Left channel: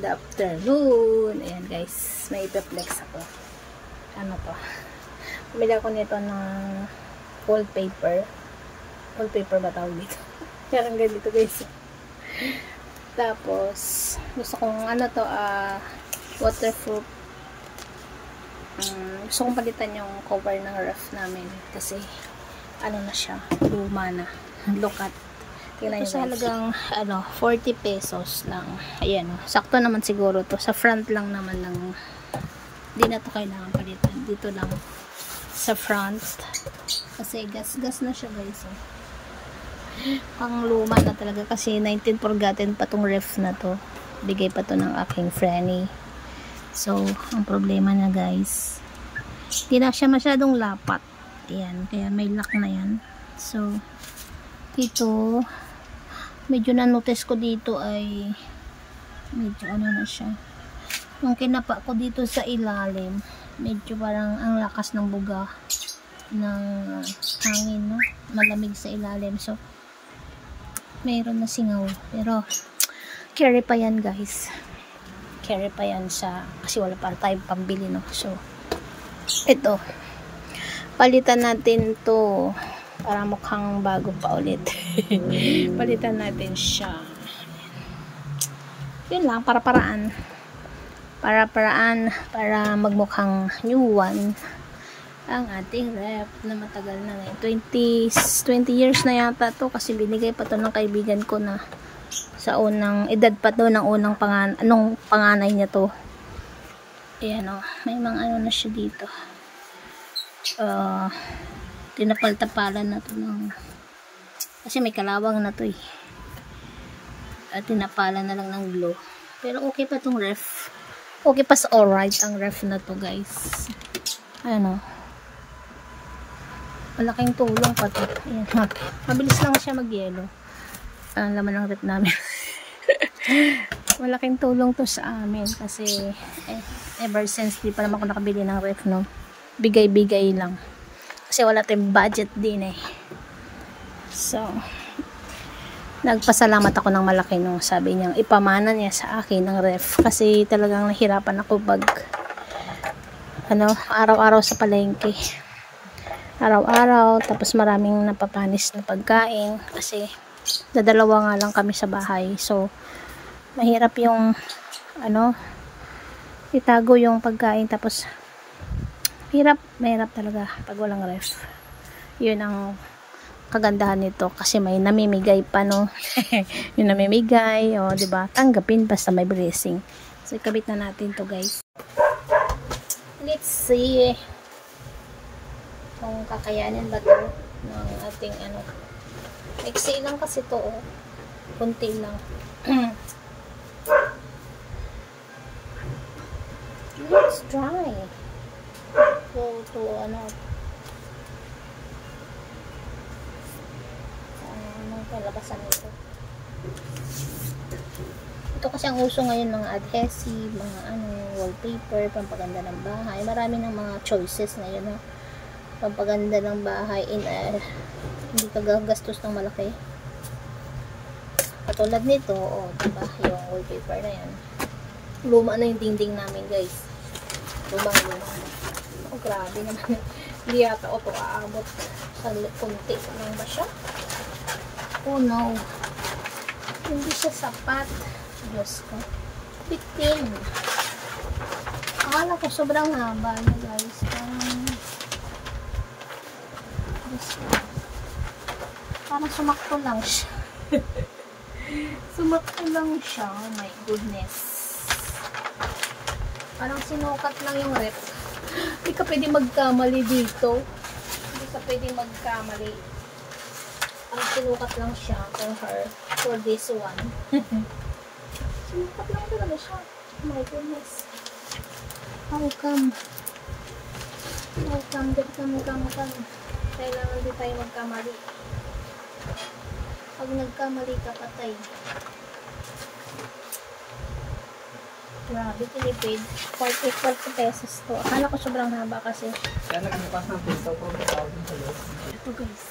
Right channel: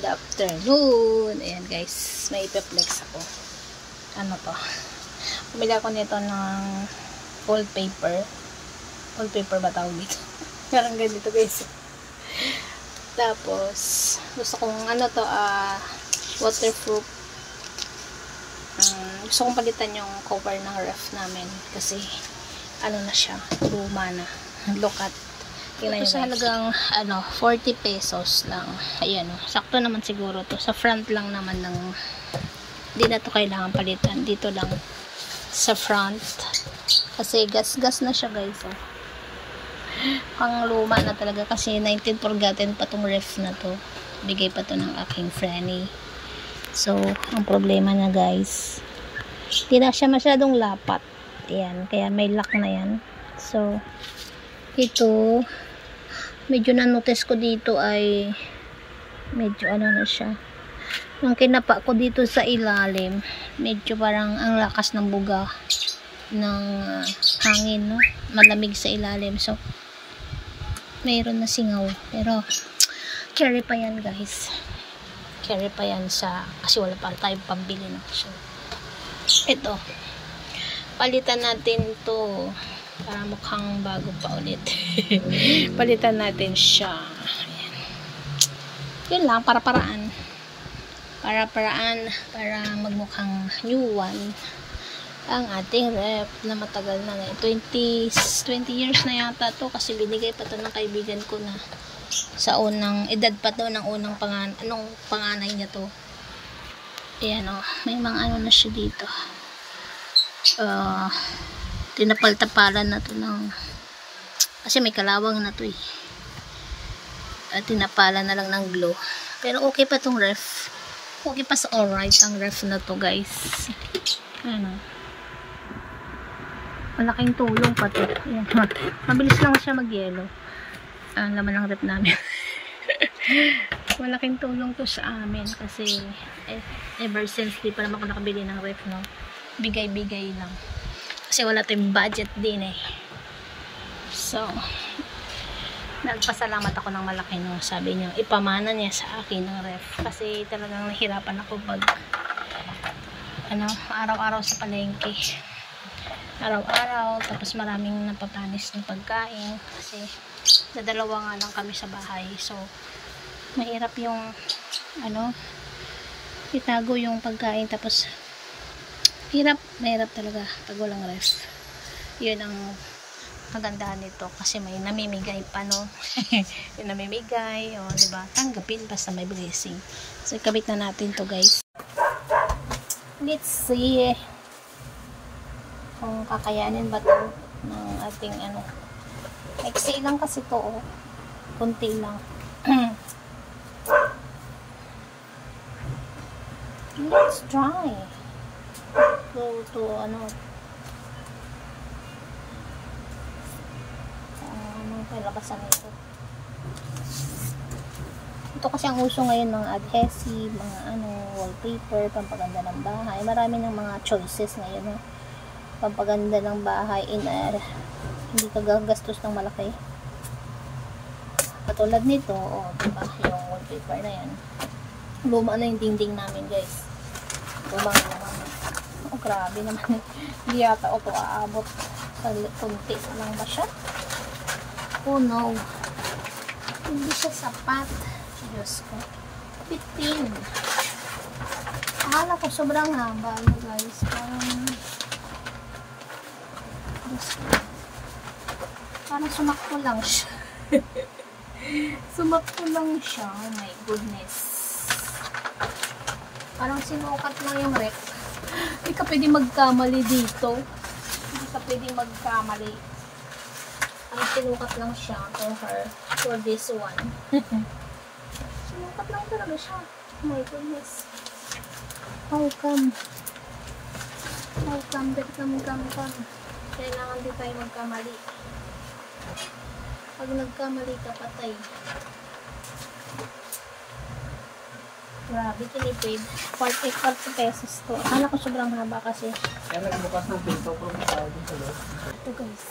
Good afternoon. Ayan guys, may ipeplex ako. Ano to? Pumili ako nito ng wallpaper. Wallpaper ba tawag dito? Parang ganito guys. Tapos, gusto kong ano to, waterproof. Gusto kong palitan yung cover ng ref namin. Kasi, ano na siya, luma na. Look at. Ito sa halagang 40 pesos lang. Ayan o. Sakto naman siguro to. Sa front lang naman ng hindi na to kailangan palitan. Dito lang sa front. Kasi gas-gas na siya guys. Oh. Ang luma na talaga. Kasi 19 pa tong ref na to. Bigay pa to ng aking friend. So, ang problema na guys. Hindi na siya masyadong lapat. Ayan. Kaya may lock na yan. So, ito medyo na-notice ko dito ay medyo ano na siya. Yung kinapa ko dito sa ilalim, medyo parang ang lakas ng buga ng hangin, no? Malamig sa ilalim. So, mayroon na singaw. Pero, carry pa yan, guys. Carry pa yan kasi wala pa tayong pambili, no? So, ito. Palitan natin to para mukhang bago pa ulit. Palitan natin siya. Ayan. Yun lang, para-paraan. Para-paraan, para magmukhang new one ang ating ref na matagal na. 20 years na yata to kasi binigay pa to ng kaibigan ko na sa unang, edad pa to ng unang panganay niya to. Ayan o, may mga ano na siya dito. Tinapal-tapalan na to ng kasi may kalawang na to at tinapalan na lang ng glue, pero okay pa tong ref, okay pa sa alright ang ref na to guys. Ano, malaking tulong pa to. Ayan, mabilis lang siya mag-yellow ang laman ng ref namin. Malaking tulong to sa amin kasi ever since di pa naman ako nakabili ng ref, no, bigay-bigay lang. Kasi wala tayong budget din So, nagpasalamat ako ng malaki nung sabi niya, ipamana niya sa akin ng ref. Kasi talagang nahirapan ako pag araw-araw sa palengke. Araw-araw, tapos maraming napapanis na pagkain. Kasi, dadalawa nga lang kami sa bahay. So, mahirap yung, itago yung pagkain. Tapos, mahirap talaga pag walang ref. Yun ang kagandahan nito kasi may namimigay pa, no. Yung namimigay, diba, tanggapin basta may blessing. So ikabit na natin to guys. Let's see kung kakayanin ba to ng ating XC lang kasi to, kunti lang. Let's try to anong kalabasan nito. Ito kasi ang uso ngayon, mga adhesive, mga wallpaper, pampaganda ng bahay. Marami ng mga choices ngayon, pampaganda ng bahay hindi ka gagastos ng malaki. Katulad nito, diba, yung wallpaper na yan. Luma na yung dingding namin, guys. Luma. Grabe naman. Hindi yata ito aabot sa kunti lang ba siya? Oh no. Hindi siya sapat. Diyos ko. Bitin. Akala ko sobrang haba na guys. Parang sumakto lang siya. Sumakto lang siya. Oh my goodness. Parang sinukat lang yung rep. Hindi ka pwede magkamali dito. Hindi ka pwede magkamali. Ang sinukat lang siya for this one. Sinukat lang talaga siya. Oh my goodness. How come? Kailangan din tayo magkamali. Pag nagkamali ka, patay. Grabe, tinipid. 40 pesos to. Akala ko sobrang haba kasi. Kaya nagbukas ng pinto ko. Ito guys.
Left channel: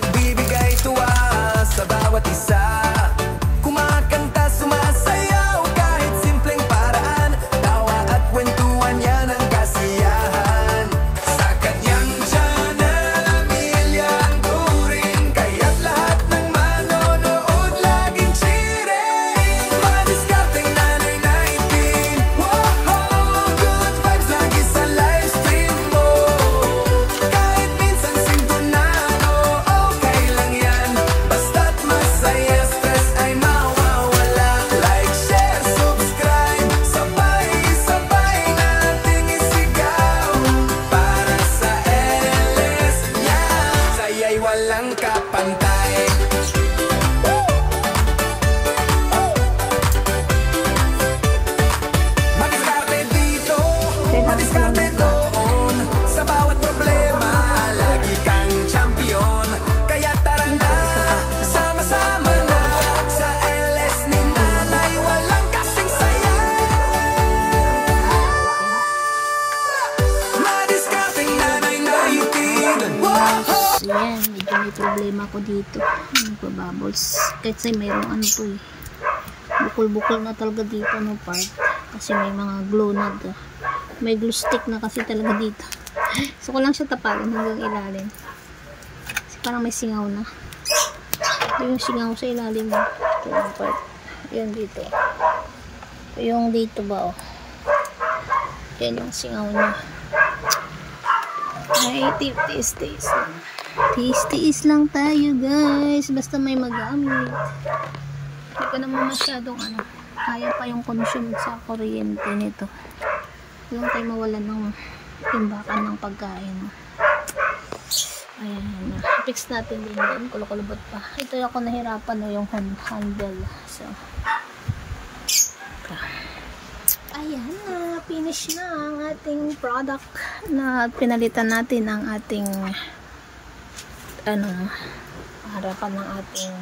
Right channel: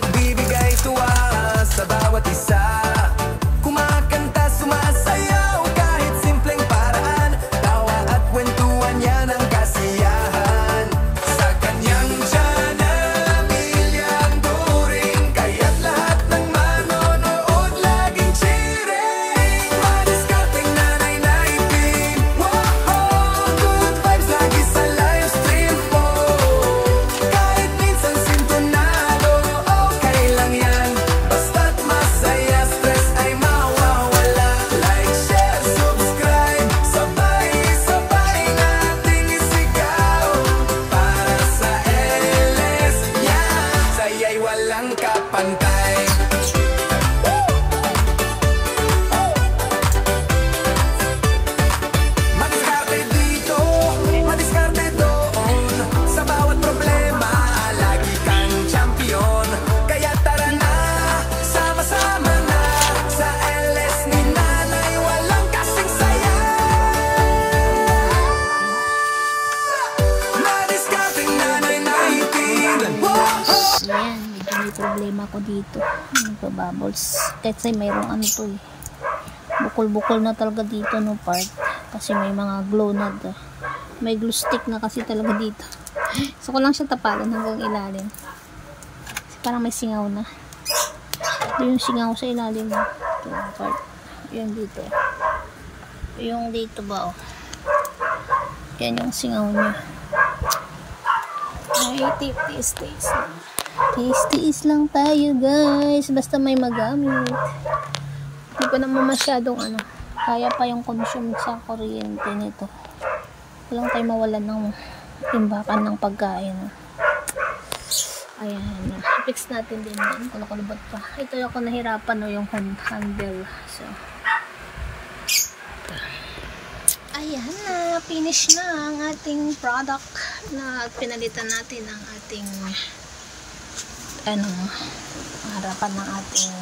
nagbibigay tuwa sa bawat isa. Kumakanta, sumasayaw, kahit simpleng paraan. Tawa at kwentuhan, yan ang kasiyahan. Sa kanyang channel, milyang turing, kaya't lahat ng manonood laging cheering. Madiskarteng nanay na itin, wow, good vibes lagi sa live stream mo. Kahit minsan sintonado, okay lang yan. Basta't masaya, stress ay mawawala. Like, share, subscribe, sabay-sabay nating isigaw. Para sa LS, yan, saya'y walang kapantay. Madiskarte dito, madiskarte doon. Sa bawat problema, lagi kang champion. Kaya tara na, sama-sama na. Sa LS ni nanay, walang kasing saya. Madiskarteng nanay na itin, wow! So, yan, medyo may problema ko dito. Nagpa-bubbles. Kahit sa'yo mayroong ano to eh. Bukol-bukol na talaga dito no part. Kasi may mga glow na to. May glue stick na kasi talaga dito. So, ko lang siya tapalan hanggang ilalim. Kasi parang may singaw na. Ito yung singaw sa ilalim. Ito yung part. Yan dito. Yung dito ba oh. Yan yung singaw na. Ay, tiis lang. Tiis lang tayo guys. Basta may magamit. Hindi ko naman masyadong ano. Kaya pa yung consume sa kuryente nito. Walang tayo mawalan ng timbakan ng pagkain. No? Ayan na. Fix natin din yan. Kulukulubot pa. Ito ako nahirapan no, yung handle. So, ayan na. Finish na ang ating product na pinalitan natin ang ating harapan ng ating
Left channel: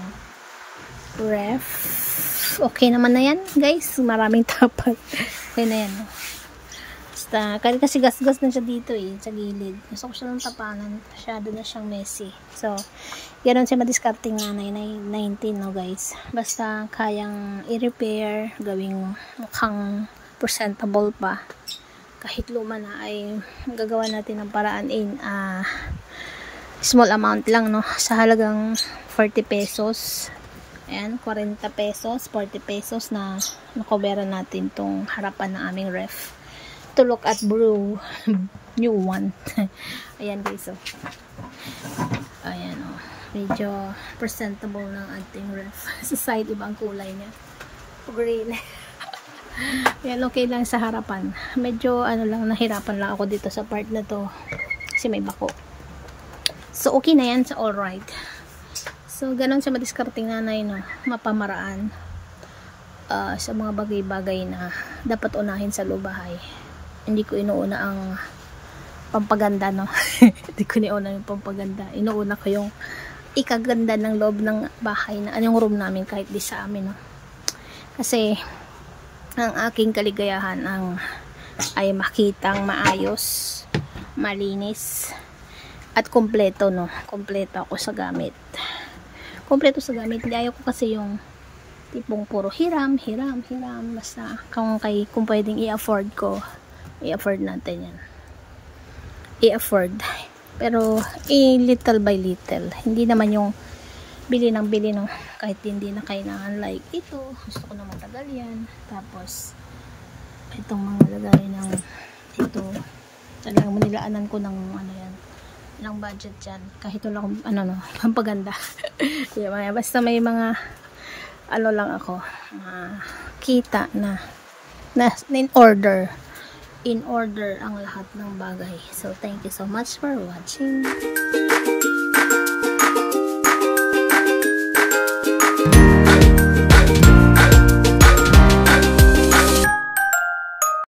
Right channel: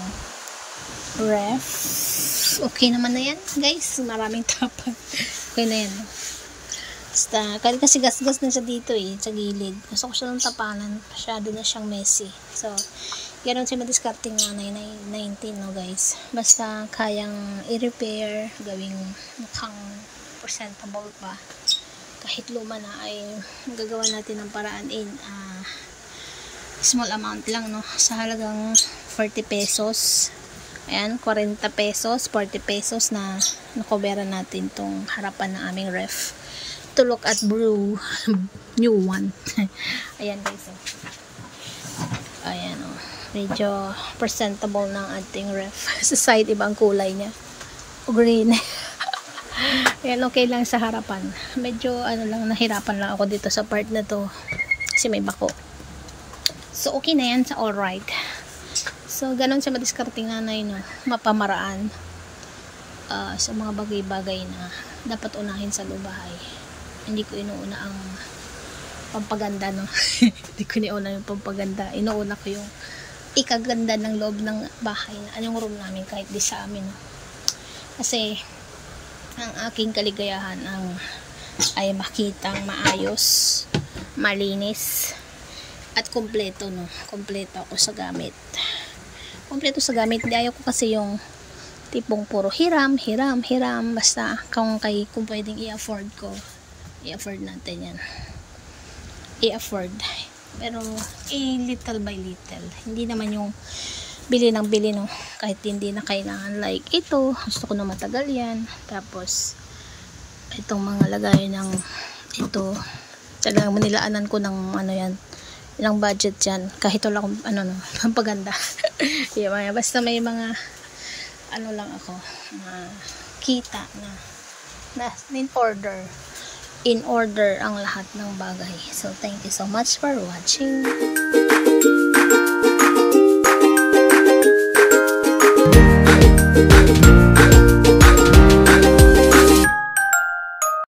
ref. Okay naman na yan guys. Maraming tapat. Okay na yan. No? Basta, kasi gas-gas na siya dito eh, sa gilid. Gusto ko siya ng tapanan. Masyado na siyang messy. So, ganoon siya madiskarting nanay 19 no guys. Basta kayang i-repair, gawing mukhang presentable pa. Kahit luma na ay magagawa natin ng paraan in small amount lang no. Sa halagang 40 pesos. Ayan, 40 pesos, 40 pesos na nakoberan natin tong harapan ng aming ref. To look at brew new one. Ayan guys oh. Ayan oh. Medyo presentable ng ating ref. Sa side ibang kulay niya. Green. Ayan, okay lang sa harapan. Medyo ano lang, nahirapan lang ako dito sa part na to. Kasi may bako. So okay na yan sa alright. So ganon siya madiskarting nanay no. Mapamaraan sa mga bagay-bagay na dapat unahin sa lubahay. Hindi ko inuuna ang pampaganda no. Hindi ko inuuna yung pampaganda. Inuuna ko yung ikaganda ng loob ng bahay na anong room namin kahit di sa amin no. Kasi ang aking kaligayahan ay makitang maayos, malinis at kompleto no. Kompleto ako sa gamit. Kompleto sa gamit. Hindi ayaw ko kasi yung tipong puro hiram. Basta kung pwedeng i-afford ko, i-afford natin yan. I-afford. Pero little by little. Hindi naman yung bili ng bili no. Kahit hindi na kailangan like ito. Gusto ko na matagal yan. Tapos itong mga lagay ng ito. Talagang manilaanan ko ng ano yan. Ilang budget yan. Kahit wala akong pampaganda. Yeah, basta may mga lang ako. Kita na in order ang lahat ng bagay. So, thank you so much for watching.